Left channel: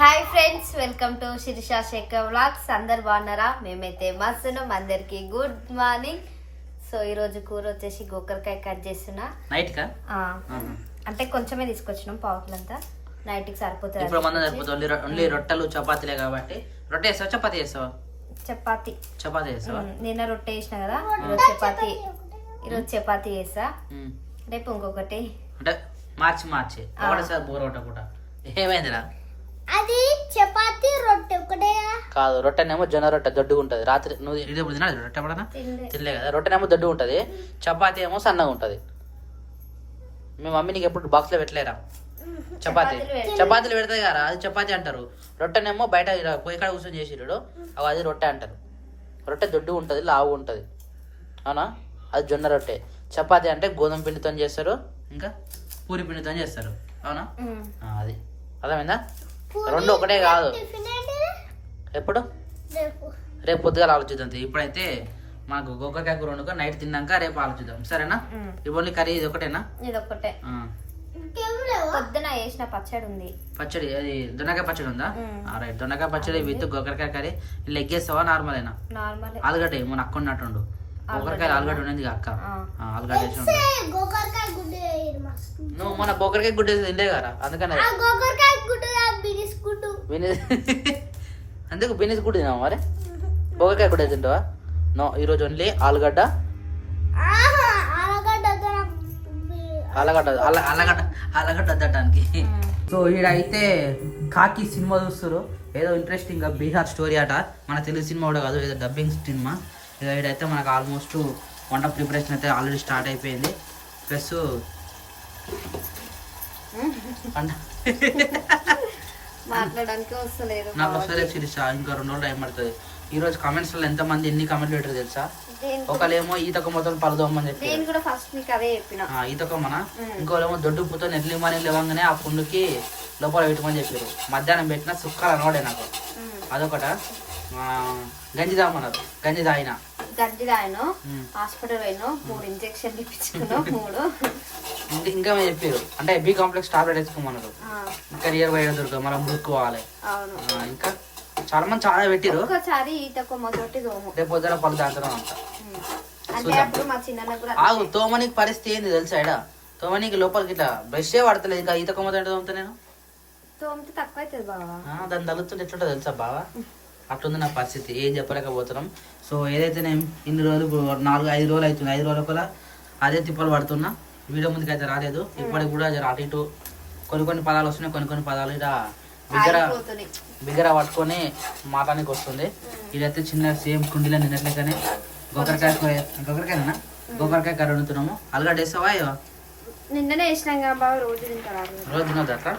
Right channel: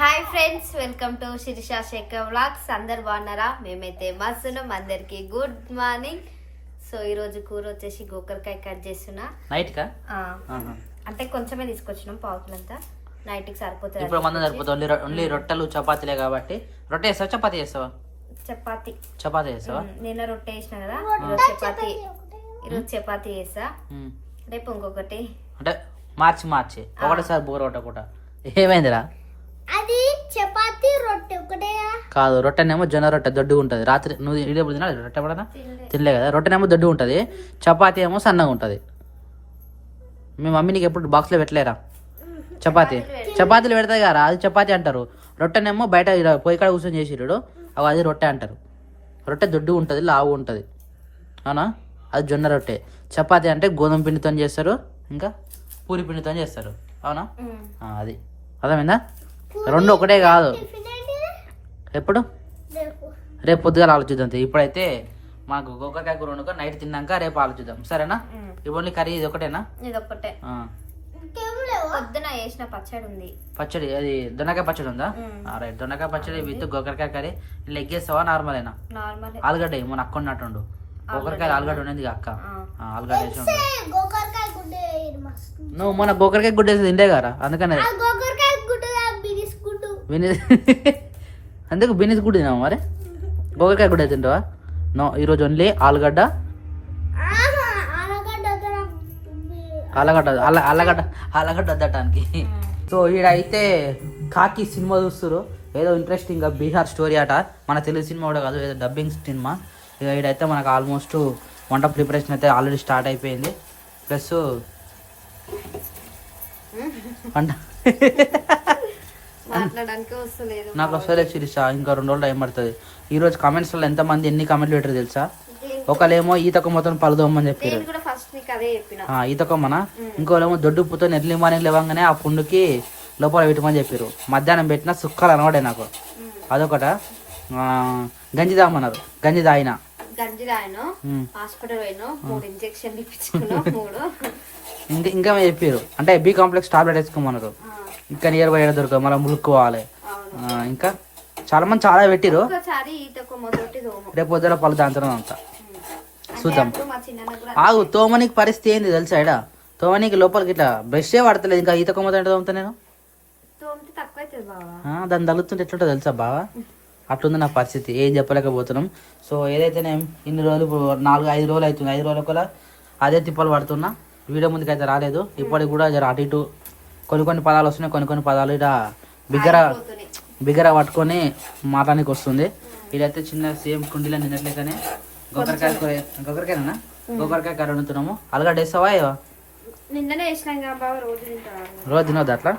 Hi friends, welcome to Sirisha Sekhar vlogs. అందరు బాగున్నారా? మేమైతే మస్తున్నాం. అందరికి గుడ్ మార్నింగ్. సో ఈ రోజు కూర వచ్చేసి గోకరకాయ కట్ చేస్తున్నా. నైట్ కా అంటే కొంచెమే తీసుకొచ్చినాం, పావుకిలంతా. నైట్ కి సరిపోతుంది. ఇప్పుడు మంది సరిపోతుంది. ఓన్లీ రొట్టెలు చపాతీలే కాబట్టి. రొట్టె చేస్తావా చపాతీ చేస్తావా? చపాతీ చేస్తావా? నిన్న రొట్టె వేసిన కదా, ఈరోజు చపాతీ చేస్తా. రేపు ఇంకొకటి అంటే మార్చి ఒకటేసారి బోర్ కొట్టకుండా. ఏమైందిరా? అది చపాతీ రొట్టె ఒకటే కాదు, రొట్టెనేమో జొన్న రొట్టె దొడ్డు ఉంటది. రాత్రి నువ్వు ఇదే తినా రొట్టె పడనా తినలే కదా. రొట్టెనేమో దొడ్డు ఉంటది, చపాతీ ఏమో సన్నగా ఉంటది. మీ మమ్మీ నీకు ఎప్పుడు బాక్స్ లో పెట్టలేరా చపాతీలు పెడతాయి కదా, అది చపాతీ అంటారు. రొట్టెనేమో బయట పొయ్యి కాడ కూర్చొని చేసిరు, అది రొట్టె అంటారు. రొట్టె దొడ్డు ఉంటది, లావు ఉంటది, అవునా? అది జొన్న రొట్టె. చపాతీ అంటే గోధుమ పిండితో చేస్తారు, ఇంకా పూరి పిండితో చేస్తారు, అవునా? అది అర్థమైందా? రెండు ఒకటే కాదు. ఎప్పుడు? రేపు పొద్దుగా ఆలోచిద్దాం. ఇప్పుడైతే మనకు గోకరకాయ కూర వండుకో, నైట్ తిన్నాక రేపు ఆలోచిద్దాం, సరేనా? ఇప్పుడు కర్రీ ఇది ఒకటేనా? ఇదొకటే. పొద్దున వేసిన పచ్చడి ఉంది. పచ్చడి అది దొండకాయ పచ్చడి ఉందా? రైట్, దొండకాయ పచ్చడి విత్ గోకరకాయ కర్రీ. లెగ్ వేస్తావా నార్మలేనా? ఆలుగడ్డ మన అక్క ఉన్నట్టుండు. గోకరకాయ ఆలుగడ్డ ఉండేది అక్క, ఆలుగడ్డ వేసి ఉండు. నువ్వు మన గోకరకాయ గుడ్డ తింటే కదా, అందుకనే అందుకు బినిస్ గుడ్డ తిన్నావు. మరి గోకరకాయ గుడ్డ తింటావా? నో, ఈరోజు ఓన్లీ ఆలుగడ్డ అద్దటానికి. సో ఈడైతే కాకి సినిమా చూస్తారు, ఏదో ఇంట్రెస్టింగ్ గా బీహార్ స్టోరీ అట. మన తెలుగు సినిమా కూడా కాదు, ఏదో డబ్బింగ్ సినిమా. ఇక ఈడైతే మనకు ఆల్మోస్ట్ వంట ప్రిపరేషన్ అయితే ఆల్రెడీ స్టార్ట్ అయిపోయింది. ప్లస్ మాట్లాడడానికి వస్తలేదు, నాకు వస్తలేదు శిరీష. ఇంకా 2 రోజులు టైం పడుతుంది. ఈ రోజు కామెంట్స్ లో ఎంత మంది ఎన్ని కామెంట్లు పెట్టారు తెలుసా? ఒకళ్ళేమో ఈతక మొత్తం పలదోమని చెప్పి ఈతకొమ్మన, ఇంకోలేమో దొడ్డు పుతో నెట్లి మాని లేవంగానే ఆ పుండుకి లోపల పెట్టమని చెప్పారు. మధ్యాహ్నం పెట్టిన సుక్కలు అనవాడే నాకు. అదొకట. గంజి తాగమన్నారు, గంజి తాగిన హాస్పిటల్ పోయినా 3 ఇంజక్షన్లు ఇప్పించుకున్నాం. 3 ఇంకా చెప్పారు అంటే బి కాంప్లెక్స్ టాబ్లెట్ వేసుకోమన్నారు. ఇంకా నియర్ బై దొరకదు, మళ్ళీ మురుక్కోవాలి. ఇంకా చాలా మంది చాలా పెట్టిరు. రేపు పొద్దున పలు దాంతో అంతా ఆగు. తోమనికి పరిస్థితి ఏంది తెలుసా? ఇడ తోమనికి లోపలికి ఇట్లా బ్రష్ పడతలేదు. ఇంకా ఈత కొమ్మతో తోముతా నేను. దాన్ని తగ్గుతుంటే ఎట్లుంటో తెలుసా బావా? అట్లుంది నా పరిస్థితి, ఏం చెప్పలేకపోతున్నాం. సో ఏదైతే నేను ఇన్ని రోజులు 4-5 రోజులు అవుతుంది, 5 రోజుల కూడా అదే తిప్పలు పడుతున్నా. వీడియో ముందుకు అయితే రాలేదు. ఇప్పటికి కూడా అటు ఇటు కొన్ని పదాలు వస్తున్నాయి, కొన్ని పదాలు ఇలా బిగ్గర పట్టుకొని మాటానికి వస్తుంది. ఇదైతే చిన్న సేమ్ కుండీలో నిన్నట్లేకనే గోకరకాయ కర్రీ వండుతున్నాము. ఆలుగడ్డ వేస్తావా? నిన్ననే వేసినాం, రోజు తినొద్దు అట్లా.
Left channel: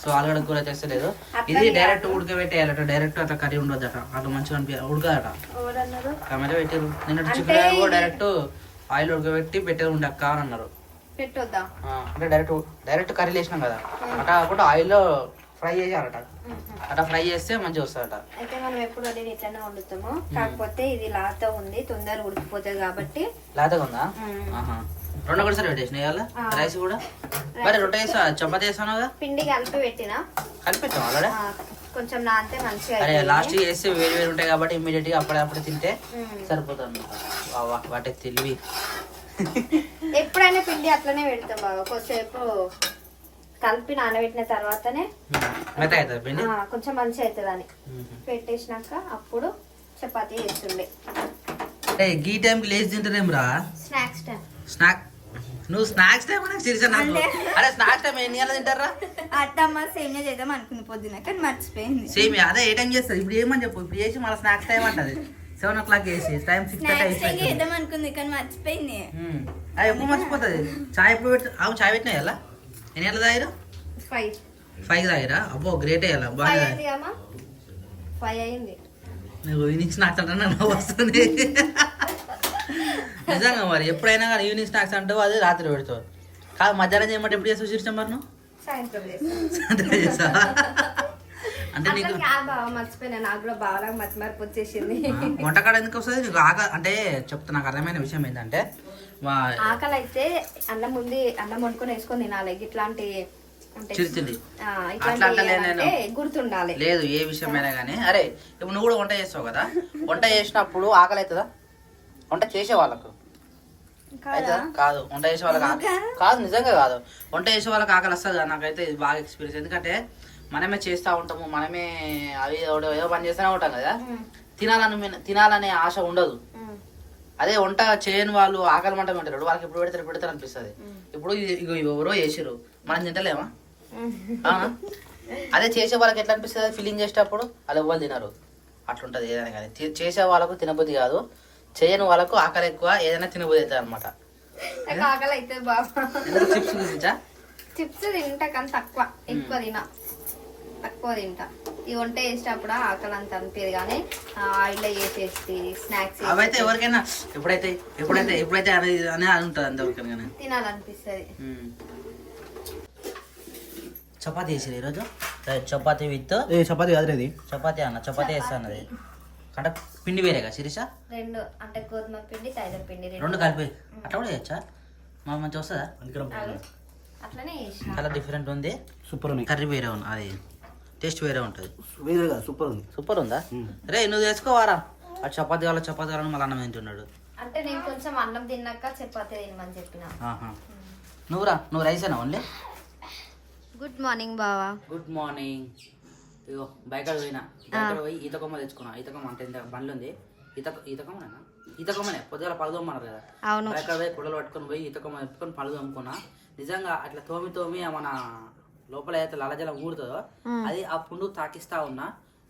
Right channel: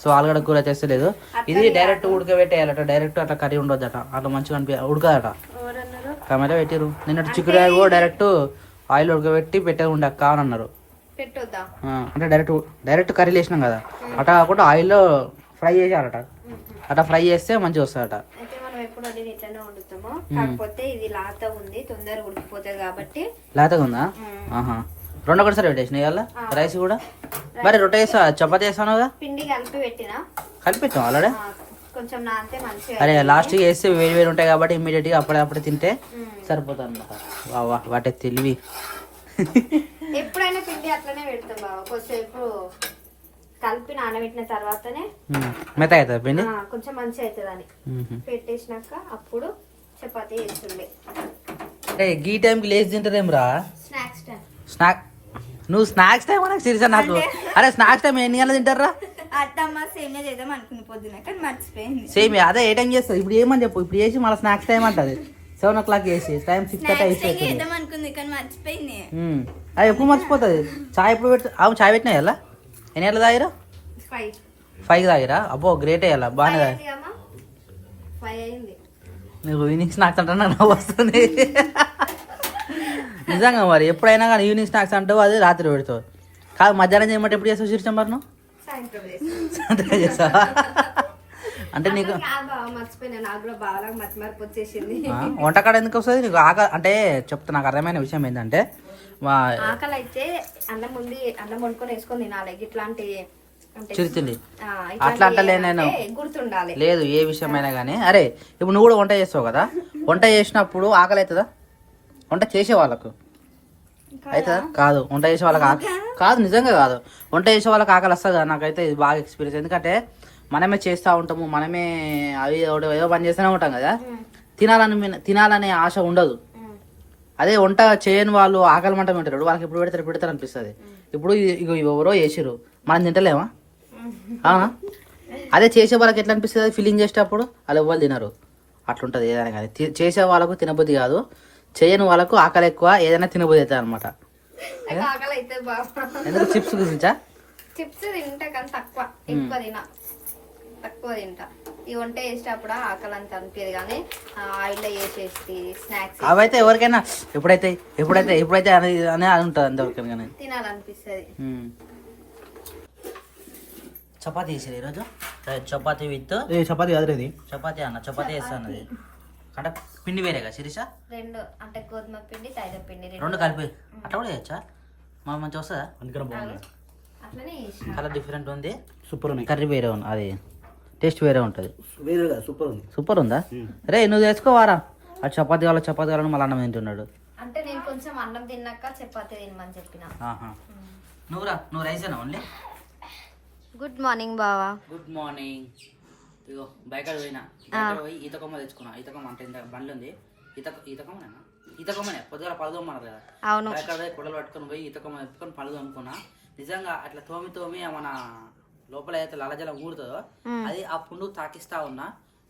సో ఆలుగడ్డ కూర తెస్తలేదు. ఇది డైరెక్ట్ ఉడకబెట్టేయాలట, డైరెక్ట్ అట్లా కర్రీ ఉండొద్దట, అట్లా మంచిగా ఉడకదట. కెమెరా పెట్టిరు. నిన్న చిక్కుడుకాయ కూడా డైరెక్ట్ ఆయిల్ ఉడకబెట్టి పెట్టే ఉండక్క అని అన్నారు. అంటే డైరెక్ట్ కర్రీ వేసినాం కదా, అట్లా కాకుండా ఆయిల్లో ఫ్రై చేయాలట. అట్లా ఫ్రై చేస్తే మంచిగా వస్తాయట. అయితే మనం ఎప్పుడు ఇట్లానే వండుతాము, కాకపోతే ఇది లాత ఉంది, తొందరగా ఉడికిపోతుంది కాబట్టి. లాతగా ఉందా? రెండు ఒకటిసారి పెట్టేసిన ఇవాళ రైస్ కూడా. మరి రొట్టె వేసా, చపాతీ వేసాను కదా, పిండి కలిపి పెట్టినా. కలిపిస్తాం ఆల్రెడీ కొంచెం నాంతే మంచిగా. అరే లాస్ట్ వేస్తే వేరు ఉంటాయి కాబట్టి ఇమీడియట్ గా అప్పుడే తింటే సరిపోతుంది. వాటి తెలివి. ఎప్పుడైనా పిండి అట్లనే పెడతాం బాగా, కొంచెంసేపు కలిపి నానబెట్టిన తర్వాతనే మెత్త అవుతుంది పిండి, కొంచెం మంచిగా అవుతుంది అని పెట్టేసినాక అప్పుడు చపాతీ చేస్తుండే. అంటే ఈ టైంకి లేచి తింటారేం రా? Snacks time. నువ్వు స్నాక్స్ టైం నాకు సిరిసా నాకు. అరే స్నాక్స్ టైం ఎన్ని గంటలు తింటారా? అత్తమ్మ సేమియా చేద్దాం అనుకుని పొద్దున, కానీ మర్చిపోయింది. సేమియా అదే ఏ టైం చేస్తుంది? ఇప్పుడు ఏమని చెప్పు. ఇప్పుడు చేసి మళ్ళీ స్నాక్స్ టైం అంటది. 7 o'clock వేసి టైం 6:30 అయిపోయింది అనుకుంది, కానీ మర్చిపోయింది. అది ఎప్పుడు మర్చిపోతుంది. చాయ్ ఎప్పుడు పెట్టు? చాయ్ పెట్టినా ఎలా? ఎన్ని గంటలు తాగిరా? 5 తాగిరా? అబ్బో గ్రేట్ అయ్యాలా, బాగా. 5 అయింది. నువ్వు ఈవినింగ్ స్నాక్స్ అంటే నాకు వస్తుంది నిజంగా. మరి ఎప్పుడైనా కానీ ఈవినింగ్ స్నాక్స్ అంటావు, అది రాత్రి పెడతావు. కాదు మధ్యాహ్నం చేయమంటే ఎప్పుడు చేస్తావు శీర్షం? మరి నువ్వు అంటే నీకు మర్చిపోయినా, నాకు కూడా బాగా మర్చిమర్పు వచ్చేసింది. వంటకాడ ఎందుకు వస్తుంది నీకు? అంటే చెప్తా, నాకు అర్థమైన విషయం ఏంటంటే, ఆకలి అయితే అన్నం వండుకొని వేసుకొని తినాలి. ఇట్లాంటి అంటే చిరుతిండి ఆ, అట్లా ఇట్లాంటివి అంటలేను నేను. చేయాలంటే గుర్తుండాలి. లేదు ఏ విషయమైనా కానీ. అరే ఇప్పుడు నువ్వు కూడా వంట చేస్తావు కదా, వంట చేసినప్పుడు ఆకలి అవుతుందా? వంట చేసే వాళ్ళకు అవుతుందా? కాదు. వంట చేసే వాళ్ళకి కాదు, నిజంగా కాదు. వంట చేసే వాళ్ళకి ఆకలి వస్తుంది కదా. నాకైతే ఇది బాగా ఎక్స్పీరియన్స్. ఎందుకంటే మనమే చేస్తూ ఉంటాము, మనమే అవి ఏదో పని చేస్తూనే ఉంటాం కదా, తినాలనే ఆశ ఉండదు. అదే వంట చేయని వాళ్ళు ఆకలి మంట తింటారు, వాళ్ళకి ఎప్పుడు పెడతారు అనిపిస్తుంది. ఇప్పుడు ఇగో ఎవరో చేసిరు, మనం తింటలేమా? అదే చేసే వాళ్ళకి ఎట్లా అనిపిస్తుంది ఫీలింగ్ చేసేటప్పుడు? అది ఎవ్వరు తినరు. అట్లుంటది ఏదైనా కానీ. చేసే వాళ్ళకు తినబుద్ధి కాదు, చేయని వాళ్ళకు ఆకలి ఎక్కువ, ఏదైనా తినబుద్ధి అవుతుంది అనమాట. నాకు ఆకలి అవుతుంది బాబా. చిప్స్ గురించా? చిప్స్ తింటా కానీ తక్కువ, తక్కువ తింటా. ఈ వంట చేసేటప్పుడు ఆకలి అంత అనిపించదు, కానీ ఆయిల్ వేసేసి స్నాక్స్ అవైతే ఎవరికైనా ఎప్పుడైతే అనేది ఉంటుంది అంతవరకైనా తినాలనిపిస్తుంది. చపాతీ వేసారు ఈరోజు. చపాతీ విత్ చపాతీ కాదు, ఇది చపాతీ అన్న. చపాతీ వేస్తాను అది అంటే పిండి వేరేగా శిరీష? రెండు అంటే గోధుమ పిండి మైదా పిండి రెండు కలిపి అట్లా కూడా చేయొచ్చా? మాకు మంచిగా వస్తుందా? అట్లనే కలర్ డిఫరెంట్ ఉంది, సూపర్ ఉంది. కర్రీ వేరే ఉంది, అది టేస్ట్ వేరే ఉంటుంది. వేరే కదా, సూపర్ ఉంది. సూపర్ ఉందా? రే నువ్వు తెచ్చుకోవారా? అది చపాతీ వాళ్ళని మళ్ళీ అన్నం తింటున్నాడు. అంటే నేను కొంచెం అన్నం తిన్నాక చపాతీ తినమని చెప్పిన. నువ్వు రైస్ అయినా ఓన్లీ? గుడ్ మార్నింగ్ బావా. Good morning. ఇగో బయట పోయి ఈతకొమ్మ తెచ్చుకున్నా. ఈతకొమ్మ అంటే ఇంత బండ్లు ఉంది. ఈతకొమ్మనే పొద్దుగా పళ్ళు తోమన్నారు కదా. అవును. బయట పోయి కుడలు పట్టుకొని పోయి ఈతకొమ్మ పెట్టుకొని పళ్ళు తోముకున్నా. నిజంగా అట్లా తోమి మన లోపల అయితే లలజలం ఊరుతుందో అది ఆ పుండు తాకిస్తా ఉన్నా.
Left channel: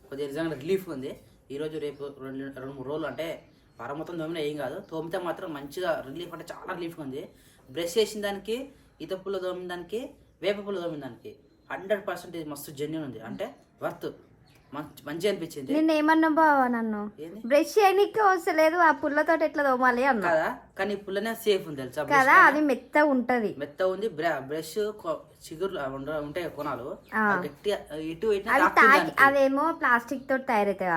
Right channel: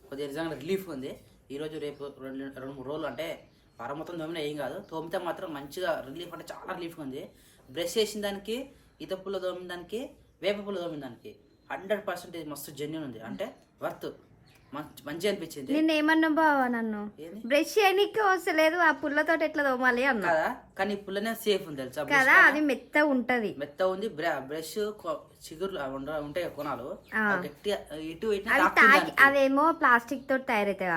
కొద్దిగా నిజంగా రిలీఫ్ ఉంది. ఈరోజు రేపు 2-3 రోజులు అంటే వారం మొత్తం తోమినా ఏం కాదు, తోమితే మాత్రం మంచిగా రిలీఫ్, అంటే చాలా రిలీఫ్గా ఉంది. బ్రష్ చేసిన దానికి, ఈత పుల్ల తోమిన దానికి, వేప పుల్ల తోమిన దానికి 100% ఇది మస్తు జెన్యూన్ ఉంది. అంటే వర్త్, మంచిగా అనిపించింది. నేను ఏమన్నా బావా, నన్ను బ్రష్ చేయడానికి వస్తలేదు, ఆ పుల్లతో ఎట్లా తోమాలి అన్నా కదా. కానీ పుల్లనే సేఫ్ ఉంది తెలుసా కదా, అది మెత్త ఉంటది. మెత్త ఉంది. బ్రష్ చిగురు ఉంటాయి కొనాలు, గట్టి ఇటు అదేమో ప్లాస్టిక్ తోటి తయారైతే,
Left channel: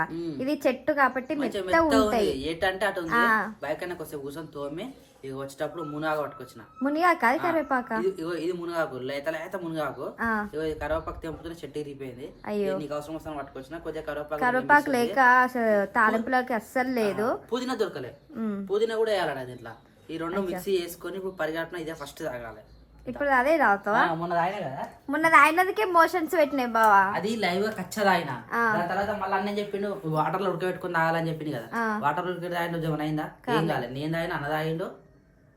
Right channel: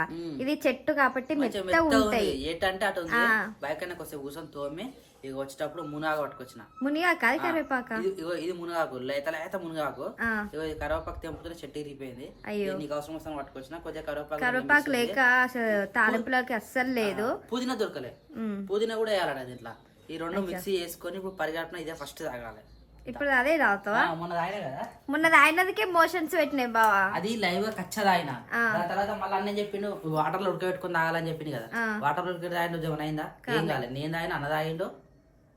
ఇది చెట్టు కాబట్టి మెత్త ఉంటాయి. ఏటంటే అటు ఉంది. బైక్ అయినా కొంచెం కూర్చొని తోమి ఇక వచ్చేటప్పుడు మునగాకు పట్టుకొచ్చిన. మునిగాక అది కరివేపాక? ఇది మునగాకు, లేత మునగాకు. ఇగో కరివేపాకు తెంపుతున్న చెట్టు ఇరిగిపోయింది. నీకు అవసరం వస్తాను పట్టుకొచ్చిన. కొద్దిగా కరివేపాకు లేక తాలింపులోకి అస్సలు లేదు. పుదీనా దొరకలే, పుదీనా కూడా వేయాలట దీంట్లో. ఈ రెండు మిక్సీ చేసుకొని ఇప్పుడు పరిగెట్టిన ఇదే ఫస్ట్ తాగాలి. ఇప్పుడు అదే తాగుతావా? మొన్న తాగినా కదా, మొన్న తాగినదికే మోషన్స్ పెట్టినాయి బావా. అది లైవ్ గా కచ్చ తాగిన. దాని తర్వాత మళ్ళీ అన్న చెప్పిండు వాటర్ లో ఉడకబెట్టుకుని తాగాలని చెప్పింది కదా. వాటర్ లో ఉడక తాగిండు, జమన్ అయిందా? ఏం కాలేదు. నేను తాగిన, అన్న తాగిండు,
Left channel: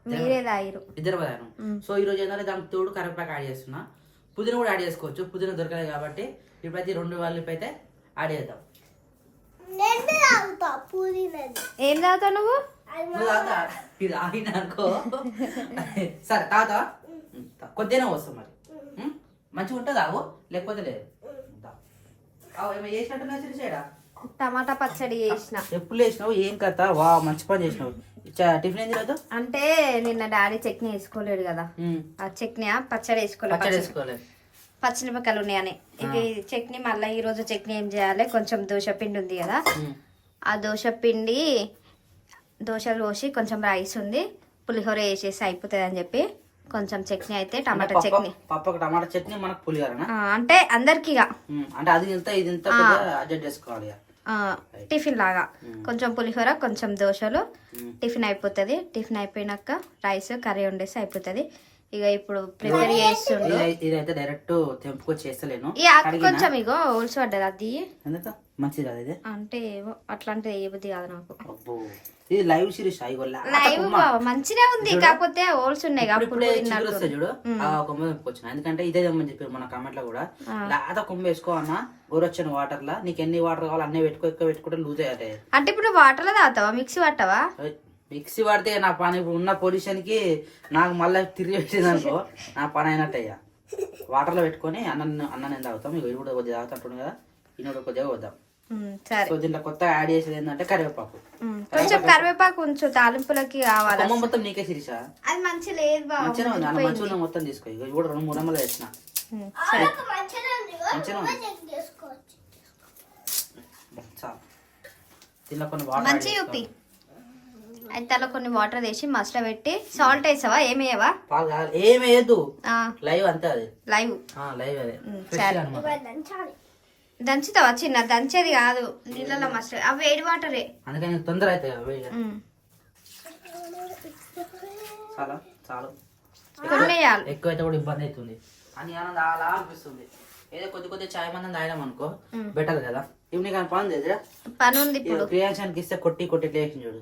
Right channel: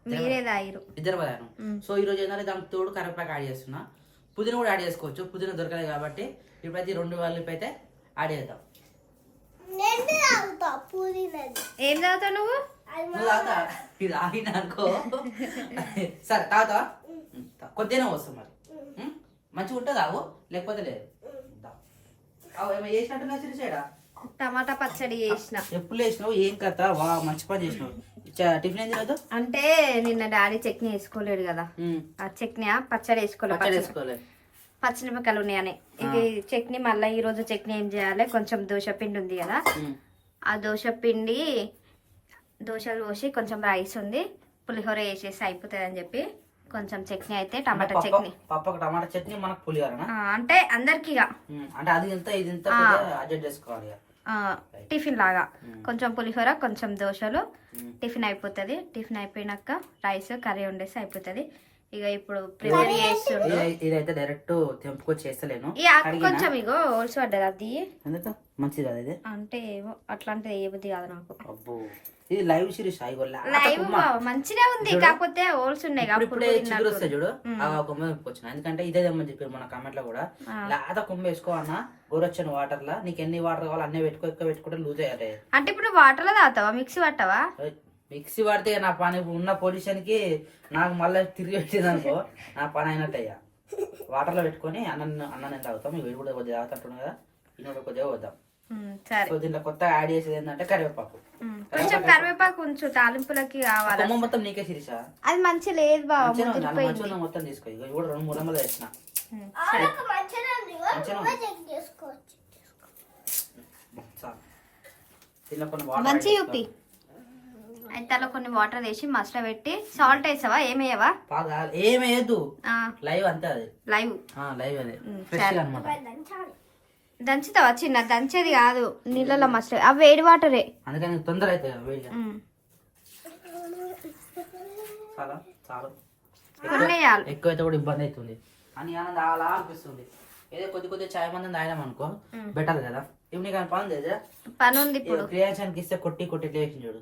మీరే తాగిరు, ఇద్దరు తాగాను. సో ఈ రోజు ఏంటంటే దానికి తోడు కరివేపాకు యాడ్ చేస్తున్నా. పుదీనా కూడా యాడ్ చేసుకోవచ్చు, పుదీనా దొరకలేదు కాబట్టి. ఇప్పుడైతే 2 వాళ్ళకి అయితే యాడ్ చేద్దాం. ఏం తాగుతావు నువ్వు? ఇది ఆగిన అనుకో. సరే తాగుతా, కొద్దిగానే వస్తాం మరి. మంచిగా ఉంటుంది ఆవు, లేకపోతే లేదు. ఏమో చేసినట్టున్నా సిరిసేడా? టమాటా పచ్చడి చేసిన. ఎప్పుడు వేసినావు? ఏం కథ? వా మంచి పని చేసినావు. టిఫిన్ ఏం తినదు అంటే నిన్న డాడీ చట్నీ వేసుకోలేడు కదా, ఆ చట్నీ పచ్చడి వేసుకోలేదు, పచ్చిమిరపకాయలు ఉన్నాయని. ఇక చట్నీ మళ్ళీ ఈ రోజు చట్నీ ఏం చేయాలి, కొంచెం దోశ పిండి ఉంది కదా, ఆ దోశ పిండి దోశలు పోసి కొంచెం రైస్ ఉంది, పులిహోర వేసేసి అయిపోతుంది అని చెప్పి కొంచెం చట్నీ అయితే టమాటా చట్నీ. పప్పకు టమాటా చట్నీ, మనకు పులిహోర అంటే అందరికి అంటే అది ఇంత ఇది ఇంత అడ్జస్ట్ చేసుకోవాలి. టిఫిన్ లాగా కొంచెం పులిహోర కొంచెం దోశలు టిఫిన్ అయిపోతుంది. టిఫిన్ అయిపోయినాక రైస్ కర్రీ వండేసి అయిపోతుంది. ఇక ఇప్పుడు ప్రిపేర్ చేస్తుండు. ఇదైతే డైరెక్ట్ తెంపుకొచ్చి చేస్తలేను. ఈ ఆకు కొంచెం ఇగో ఓల్స్ పడ్డది, అది మంచిది అది. అంటే ఏవో అట్లాంటిది ఏ బుద్ధి కాదు నాకు. ఇది లైవ్ సిరీస్ లైవ్ మంచిగా ఉంది, కాకపోతే హోల్స్ ఉన్నాయి చూడు. ఒక కొమ్మ తెంపుకొచ్చిన, ఎందుకంటే ఇదే తెమ్మని చెప్పారు మన కామెంట్ లో కూడా. లేత కొమ్మ వేసుకో అన్న, గోరొచ్చిన వాటర్ లా నీకు ఎన్ని వాటర్ కావాలో అన్నీ ఎక్కువ పెట్టుకుంటే లూజ్ అయ్యాయి. అంటే ఇప్పుడు వాటర్ లో తాగుతావా, మిక్సీ పట్టవా? మిక్సీ పడితే నా పని ఉన్న పొజిషన్ కి నాకు మళ్ళీ తిరిగి పెట్టింది అనుకో, నా పని అయినట్టు అయ్యా. వాటర్ లో పెట్టుకొని అన్నం తాగుతాం. ఇక ఇప్పుడు కొద్దిగా తాగుతుంటున్నాం కదా, ఇన్నోడు కొద్దిగా వద్దాం. సో దీంట్లో కొత్తగా యాడ్ చేసేది ఏంటంటే కరివేపాకు. కొంచెం కరివేపాకు ఉంచు, తాలింపులకి కావాలి. మొత్తం నీకే సిరీసా? అది మంచిగా లేదు బాబు, మంచిగా మొత్తం తీసుకో. ఇక కూడా 2-3 అమ్మలు వేసిన మంచి చూపి. అయితే అలా కొన్ని వాటర్ వేసి మసాలా పెట్టి సాల్ట్ వేసావా ఏమేయవా పాలు కాదు ఏమి వేయద్దు లైవ్ అంతే అది లైవ్ లైవ్ అదే సరే. దంచుతావా చిన్న దంచేది కాదు నీళ్ళలో మసాలా అవి వేడి వాటరే అందుకని తొందర అవుతాయి వేడి చాలా చాలా కొన్ని వేయాలి ఎక్కువైతే కూడా ఇబ్బంది అవుతుంది అని ఏమన్నా అలా అనిపిస్తుంది ఏదో కొద్ది కొద్ది చాయ్ మంది తాగినాం అనుకో బెటర్ కదా ఇప్పుడు నీకు పని తెచ్చా పని ఉంది ఇప్పుడు క్రియాన్సానికి ఇస్తే కొట్టి కొట్టి లేచి చూడు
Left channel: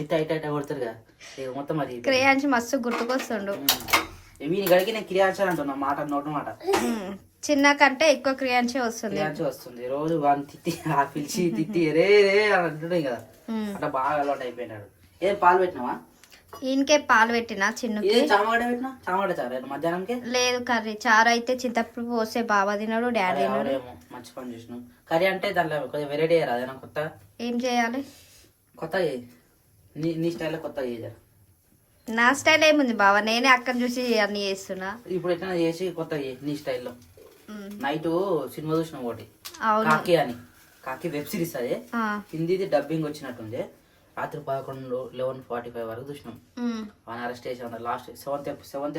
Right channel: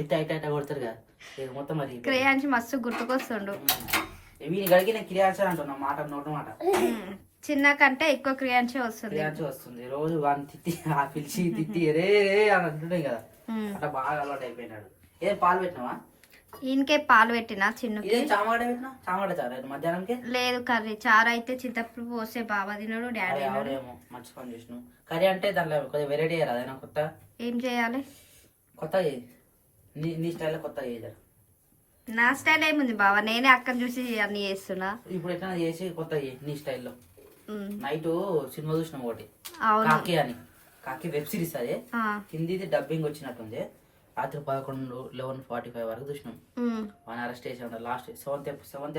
ఇట్ట ఇట్ట ఇట్ట కొడతారు కదా ఇక మొత్తం అది క్రేయాన్స్ మస్తు గుర్తుకొస్తుండు వీని గడికి నేను క్రియాన్సాన్ అంటున్నా మాట నోటు మాట చిన్న కంటే ఎక్కువ క్రియాన్సే వస్తుంది క్రియాన్స్ వస్తుంది రోజు వాడిని తిట్టి ఆ పిలిచి తిట్టి రే రే అని అంటున్నాయి కదా అట్లా బాగా అలవాటు అయిపోయినాడు ఏం పాలు పెట్టినావా ఈయనకే పాలు పెట్టినా చిన్నకి చామగడ్డ పెట్టినా చామగడ్డ చారు మధ్యాహ్నంకి లేదు కర్రీ చారు అయితే చింతప్పుడు పోస్తే బాబా తిన్నాడు డాడీ ఎవరేమో మంచి పని చేసినావు కర్రీ అంటే దాంట్లో కొద్దిగా వెరైటీ అయ్యారు అదేనా కొత్త ఏం చేయాలి కొత్త నీ స్టైల్లో కొత్త చేయాలి నా స్టైల్ ఏముంది బావా నేనే అక్కని చూసి అన్ని చేస్తున్నా ఇప్పుడు ఎట్లా చేసి కొత్త నీ స్టైల్లో నైట్ సినిమా చూసినాం ఒకటి అవును కాకి అని కాకి వెబ్ సిరీస్ అదే హిందీది డబ్బింగ్ వచ్చినట్టుంది రాత్రి 11:45 వరకు చూసినాం వన్ అరెస్ట్ చేసి ఉన్నారు లాస్ట్ సెవెంత్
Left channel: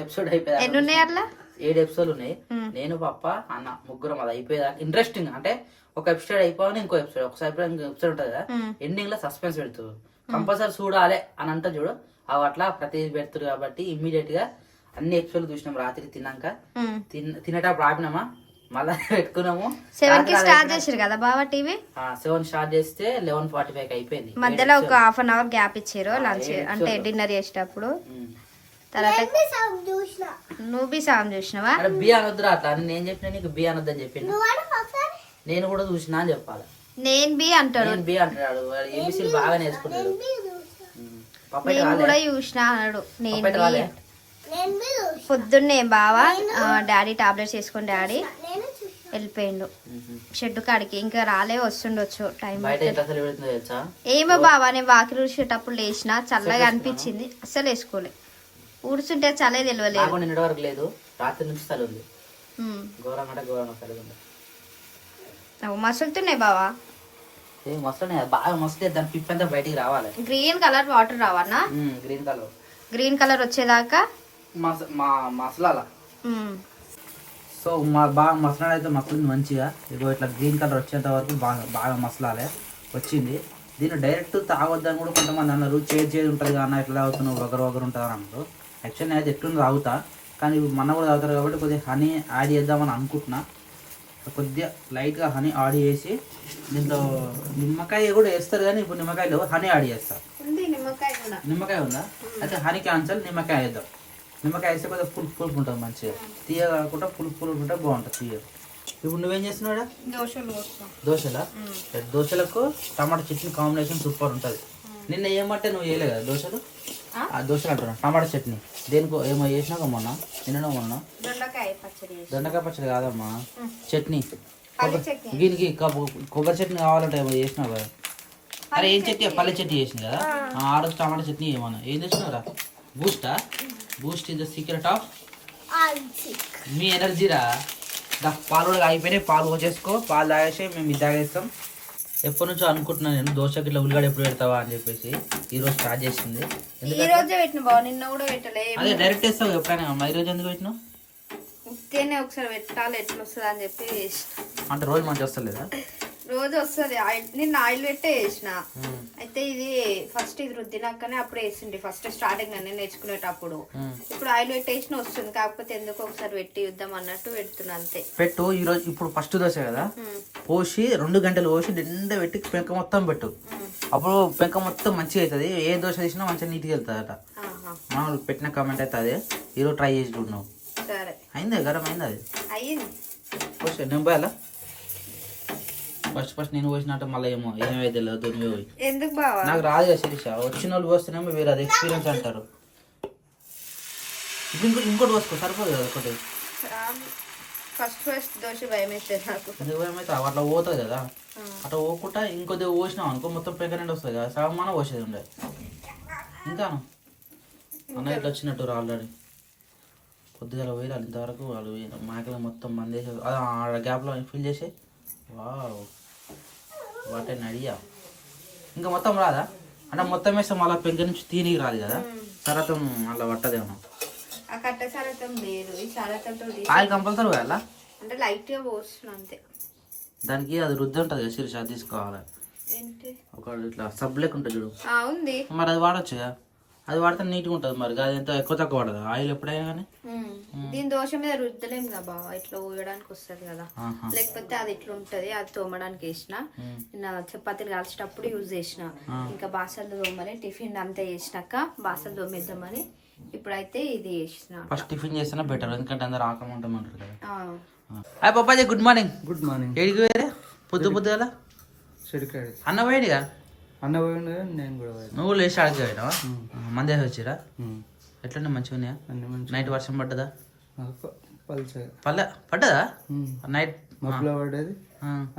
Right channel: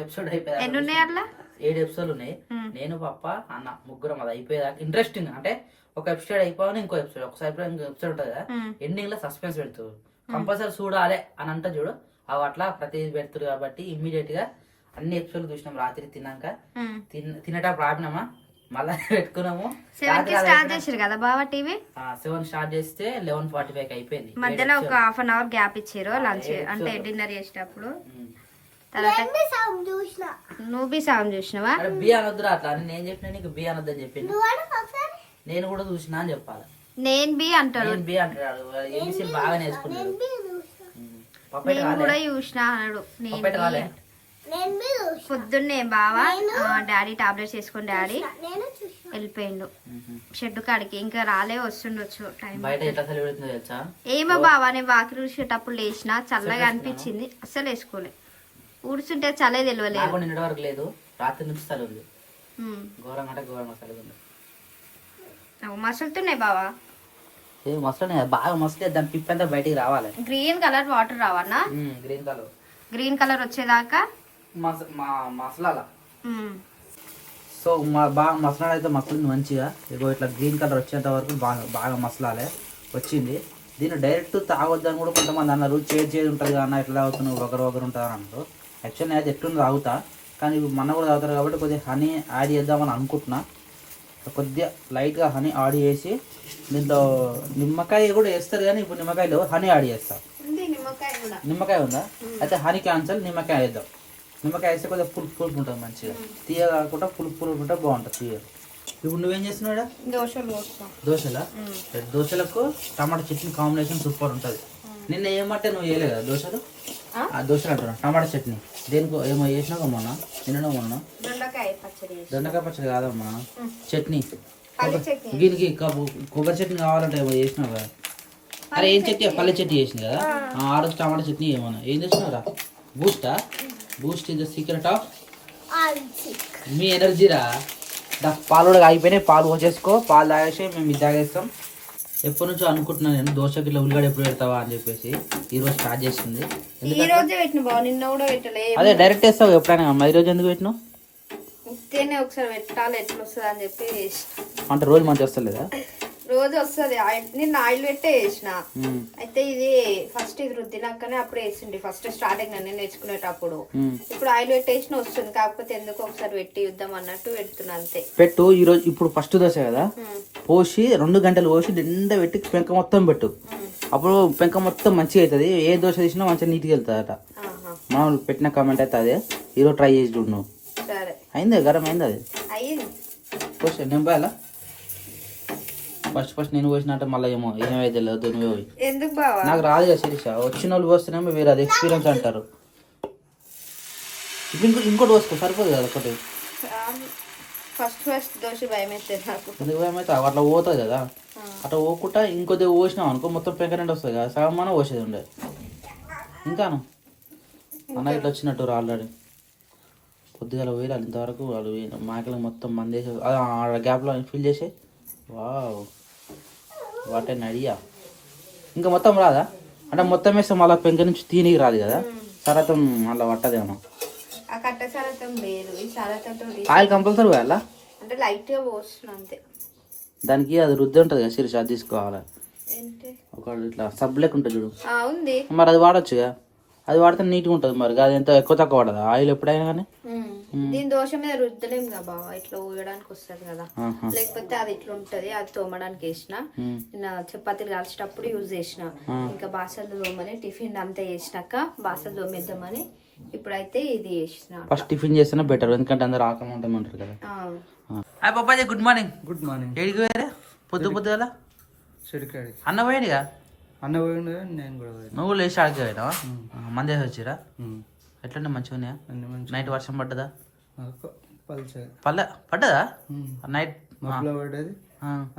ఎపిసోడ్ అయిపోయింది ఎన్ని ఉన్నాయి అట్లా 7 ఎపిసోడ్లు ఉన్నాయి నేను పప్ప అన్న ముగ్గురం అది అయిపోయేదాకా ఇంట్రెస్టింగ్ అంటే ఒక ఎపిసోడ్ అయిపోగానే ఇంకో ఎపిసోడ్ ఒకసారి ఇంకో ఎపిసోడ్ ఉంటుంది కదా ఎండింగ్ లో సస్పెన్స్ పెడుతుంది కంపల్సరీ చూడాలి అని అంటే చూడు అవి అట్లా ప్రతి పెడుతుంది కాబట్టి ఇమ్మీడియట్ గా అన్ని ఎపిసోడ్లు చూసినాం రాత్రి తిన్నాక తినేటప్పుడు ఆపినామా మళ్ళా పెట్టుకున్నాము 7 కి స్టార్ట్ చేసారు కదా బావా టీవీ 7 స్టార్ట్ చేస్తే 11:45 అయిపోయింది మధ్యలో ఒక హాఫ్ అన్ అవర్ గ్యాప్ ఇచ్చారు లంచ్ అంటే డిన్నర్ చేసేటప్పుడు తర్వాత నువ్వు బి సాంగ్ చూసినావా బి అనొద్దురా అట్లా నేను చెప్పిన నీకు బి అనొద్దని చెప్పిన నేను కూడా చూసినా అని చెప్పాలి నేను బి అంటాడు బి అంటాడు ఏబిసిలు బాగా నేర్చుకున్నాడు నేను కూడా చూసినా అన్నాడు నేను పొద్దున్నే బావా డాడీ టాబ్లెట్స్ వేసుకొని డాడీ వెళ్ళిపోయిండు షెడ్ కాడికి ఇంకా రాలే వస్తుండొచ్చు టైం ఏమో బావా నేను వాకి చూసేటప్పుడు లేచిన చల్లగా అనిపించింది అస్సలు వేసుకోలే ఊడుస్తుంటే చల్లే తెలియలేదు నిన్నటి వరకు లేదు రాత్రి నుంచి చలి ఉంది ఘోరంగా అంటే ఘోరంగా చలి ఉంది మసులుతున్నాయి బావా మసలు బాగా మసలే దాని పిప్పంతా బయటికి రావాలి గ్రీన్ కలర్ వాటర్ రావన్నా గ్రీన్ కలర్ వచ్చేదాకా మసలాల సో బాగా మసలాలు అయితే మసలింది మంచిగా ఇగో ఇట్లా గ్రీన్ కలర్ వచ్చేంత వరకు బాగా మసలాలే వచ్చింది దీన్ని డైరెక్ట్ తాగొద్దని కూడా కొంతమంది అన్నారు చేదు ఉంటుంది అన్న ఇట్లా తాగుతున్నావు ఒకరు ఉంటుంది అని అంటారు యాక్చువల్ నేను అయితే ఎట్లుంది తాగుతా కానీ మన కూడా తాగుతారు కాబట్టి కొద్దిగా హనీ యాడ్ చేద్దామని అనుకుంటున్నా కొద్దిగా లైట్గా హనీ యాడ్ చేసి దీంట్లో నిమ్మకాయ కూడా వేస్తారు కానీ ఇప్పుడు నిమ్మకాయలు హనీ యాడ్ చేస్తారు నిమ్మకాయ ఉందా అయితే హనీ క్యాన్సల్ నిమ్మకాయ వేద్దాం నిమ్మకాయ వేస్తే కొద్దిగా పులుపు ఉంటుంది మంచిగా తీయ కాకుండా పులుపు ఉంటే బాగుంటుంది తీయ ఇప్పుడు నువ్వేం చేస్తున్నావు దోశలకు టమాటా చట్నీ కాంబినేషన్ సూపర్ ఉంటుంది నిన్న ఏమంటే నువ్వు వేయలే కదా దోశలు దోశలు అంటున్నా టమాటా చట్నీ దేనికో ఏమో చేసినావు మొన్న మొన్న దొండకాయ పచ్చడి కాదమ్మా చట్నీ దీనికి కొబ్బరి చట్నీ కావాలంటే ఏమో చేసినావు కదా అరే ఏం చట్నీ పల్లె చట్నీ చేసింది కదా ఆ రోజు టమాటా చట్నీ ఏమన్నా ఏం చేసినావురా Boost is the secret of మీ ఎనర్జీరా పాలు కూడా అయిపోయినాయి పాలు పోసేసుకో పాలు తాగేసి మేము ఇది తాగేస్తాం ఎప్పటి నుంచో అనుకుంటున్నాను నేను దోశకి ఇట్లా ఉల్లిగడ్డ ఎప్పుడు పెడతావా అని చెప్పేసి ఈ రోజు స్టార్ట్ చేసింది అదే డైరెక్ట్ వేస్తావు ఎప్పుడైనా ఈ రోజు ఎందుకు పెట్టినావు ఒకసారి పెట్టాలి ఎట్లా వస్తుంది అని చెప్పి అంటే రోజు మంచిగా వస్తలేదా రోజు వస్తుంది నిన్న ఆయిల్ పెట్టే వేసిన అయితే ఇది ఫస్ట్ ఇది రుద్దినాకనే అప్పుడు వేసింది ఫస్ట్ స్టార్టింగ్ నేను నేర్చుకునేటప్పుడు ఇప్పుడు ఆయిల్ పెట్టేసిన వస్తుంది కాకపోతే ఎందుకు ఒకసారి పెట్టి యుద్ధం అన్నట్టు పెడుతున్నా అంతే పెట్టు ఈ రోజు ఇప్పుడు ఫస్ట్ దోశ కదా పోసి 2 గంటలు పోసి నిండా పెట్టి పెంక మొత్తం పెట్టు అప్పుడు పెంక మొత్తం మంచిగా అవుతుంది ఏ దోశ తీసినా మంచిగా నీట్గా వెళ్తుందట మనం పెట్టిన కామెంట్ అయితే అదే ఈరోజు ట్రై చేసి చూడు నువ్వు సరే అయింది గరం అయింది అది అయింది పోసా నేను పోయాలా ఫస్ట్ నేను పోసినట్టు మళ్ళీ ఏమైతే లేదు నువ్వే పోయి ఎందుకు బావా నాకు రాదు కదా శిరీష వచ్చిన వాళ్ళు పోస్తేనేమో వేరే అది ఎక్స్పీరియన్స్ అంటారు ఇంకోటి పోసుకో సరిపోదు కదా ఒకటి ఫస్ట్ దోశ భయం అయితే నాకు ఎందుకు భయం అయితే అట్లా పోతుంది కదా అట్లా పోకుండా ఇంకొద్ది పోసినాం అనుకో మొత్తం పెంకరెంట్ వస్తుంది కదా సగం పోసేది ఉండే ఇంకాను అన్న ఇట్లా వచ్చినట్టు ఆల్రెడీ పొద్దుగా పోయాలి ఇంతవరకు వాళ్ళు మాకలు మొత్తం మందేసి గ్యాప్లో ఫిల్ చేసి వావ్ వాటే నడియా ఇంకా మొత్తం రాదా అంటే మొత్తం వేస్తే మళ్ళీ పెంక నుంచి తీనికి రాదు కదా, సరతం మళ్ళీ పట్టదేమో. ఆ కట్ట సరతం లేదు, ఈ సరతంతో ఆయిల్ కంపల్సరీ వేయాలా? అంటే లైట్ గా పోస్తున్నా అంతే. దానికి అది రుద్ది ఉంటుంది కదా శిరీష, అది తీసుకోవాలి. ఏంటి ఒక ఇట్లా సబ్ లెక్క ఉంటుంది చూడు, ఉంది మరి అది వాడచ్చుగా. అది వాడితే నీట్గా ఉంటుంది. మరి అది ఎంత ఎక్కువ తక్కువ పడదు ఆయిల్ ఎప్పుడైనా కానీ. దీని దోశ మీద రుద్దలేం కదా బావ, ఇట్లా ఊయడానికి వస్తుంది కదా, లేకపోతే అది ఇట్లా ఉంటది. అది తోమడానికి వేసిన, నా చపాతీలు కాల్చేటప్పుడు యూజ్ చేసిన. ఇంకా బాసలు తోమని టిఫిన్ అంతా చేసినాక బాసలు తోమేద్దామని ఇప్పుడైతే ఇది చేసిన. ఫస్ట్ టిఫిన్ చేస్తేనే బెటర్, ఎందుకంటే అందరు ఆకలి ఉంటారు కదా. హాయ్ పప్పాజీ, గుడ్ మార్నింగ్. Good morning. ఏడికి వేరే పొద్దుగల చెడికాడి అన్న పోయాడుగా. అన్న పోయిండు కానీ నేను కూడా పోయాను. నువ్వు లేచి ఆడికి పోయినావా? మంది వేసి వచ్చిరా? ఎట్లుండే మంచిగా ఉన్నాయా? అన్ని మంచి నైట్ వర్షం పడ్డదా? పల్సర్ పడ్డదా నైట్? మబ్బులో పడ్డది,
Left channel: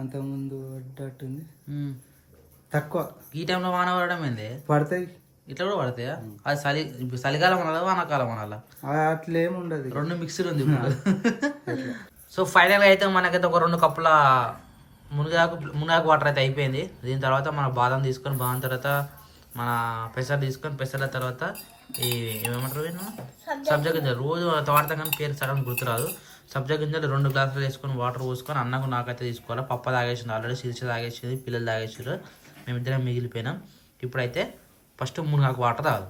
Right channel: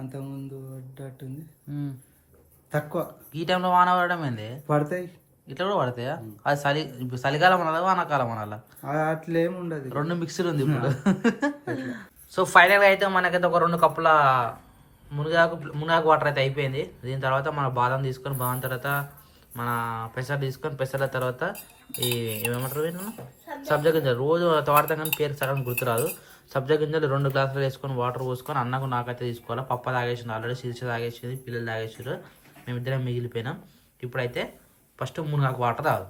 అంతకుముందు పడ్డట్టుంది. తక్కువ ఈ టైంలో వాన పడడం ఏంది? పడతాయి, ఇట్లా కూడా పడతాయా? అది చలికాలం అనాలా వానాకాలం అనాలా? అట్లా ఏమి ఉండదు, రెండు మిక్స్డ్ ఉంది ఇప్పుడు. సో ఫైనల్గా అయితే మనకైతే ఒక 2 కప్పుల మునగాకు వాటర్ అయితే అయిపోయింది. దీని తర్వాత మన బాదం తీసుకొని, బాదం తర్వాత మన పెసర్ తీసుకొని, పెసర్ల తర్వాత ఈ ఏమంటారు సబ్జా గింజలు. రోజు వాడతాం కానీ పేరు సగం గుర్తురాదు. సబ్జా గింజలు 2 గ్లాసులు వేసుకొని వాటర్ పోసుకొని అన్నకు నాకైతే తీసుకోవాలి. పప్ప తాగేసింది ఆల్రెడీ, శీర్ష తాగేసింది, పిల్లలు తాగేసారు, మేమిద్దరం మిగిలిపోయినాం. ఇప్పుడైతే ఫస్ట్ మునగాకు వాటర్ తాగు.